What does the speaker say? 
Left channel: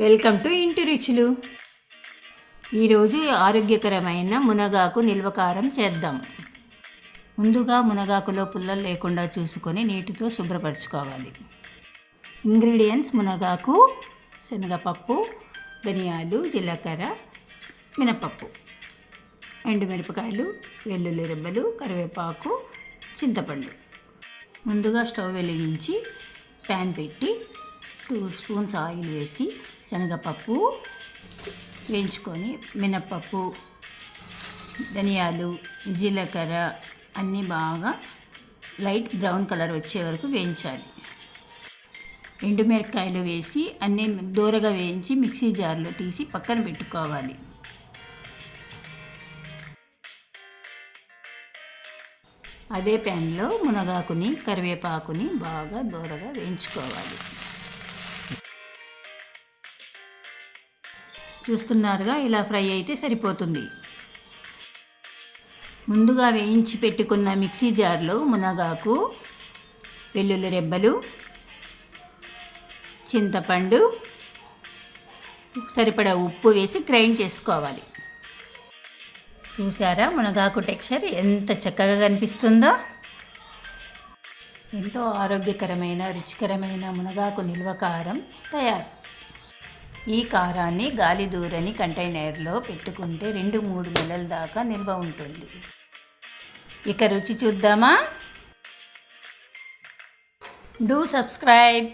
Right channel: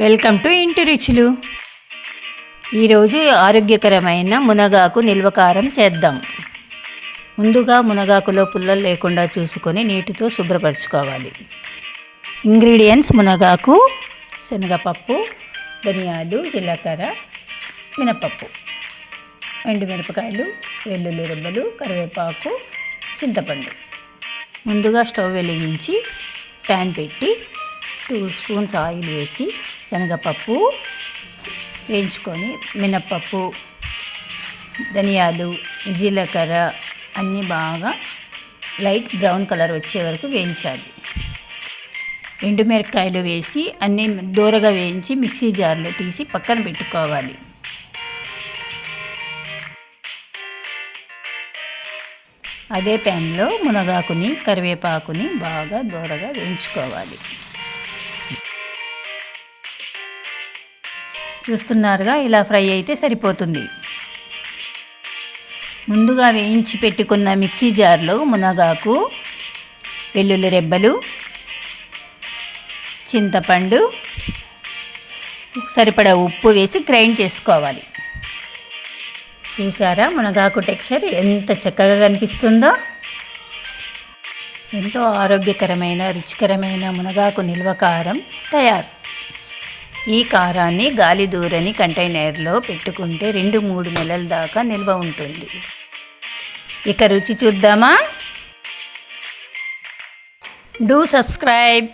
Welcome to ఇంటి రుచులు. ఈరోజు ఆరోగ్యకరమైన మునగాకు నిల్వకారం చేద్దాం. ముందుగా మునగాకులో పుల్లలు లేకుండా చూసుకొని నీటితో శుభ్రపరచుకోవాలి. ఇంగ్రీడియంట్స్ మునగాకు శనగపప్పు ధనియాలు జీలకర్ర మినపప్పు. ఎండుమిరపకాయలు వెల్లుల్లి రెబ్బలు కరివేపాకు చింతపండు. ముందుగా స్టవ్ వెలిగించి ప్యాన్ పెట్టి టూ స్పూన్స్ ఆయిల్ వేసి శనగపప్పు వేయించుకొని మినప్పప్పు ధనియాలు జీలకర్ర అన్నీ బాగా లైట్ బ్రౌన్ కలర్ వచ్చే వరకు వేయించాలి. ఎండుమిరపకాయలు వేసి అన్నీ దూరగా వేయించి మిక్సీ జార్లో తీసి పక్కన పెట్టుకోవాలి. అదే ప్యాన్లో మునగాకుని కరివేపాకుని బాగా దూరగా వేయించుకోవాలి. చూస్తున్నారుగా ఇలా ఫ్రై అయితే సరిపోతుంది. ముందుగా వేయించి పెట్టుకున్న మిక్సీ జార్లో మునగాకు వెల్లుల్లి రెబ్బలు చింతపండు సరిపడా ఉప్పు వేసి గ్రైండ్ చేసుకోవాలి. చూసారా మునగాకు టెక్స్చర్ ఎంత చక్కగా కనిపిస్తుందో? ఎంతో ఆరోగ్యకరమైన రుచికరమైన మునగాకు నిల్వ కారం తయారు. ఈ కారాన్ని గాలి దూరని కంటైనర్లో పెట్టుకుంటే రెండు మూడు నెలల దాకా నిల్వ ఉంటుంది. ఇక రుచి చూద్దామా? Do subscribe.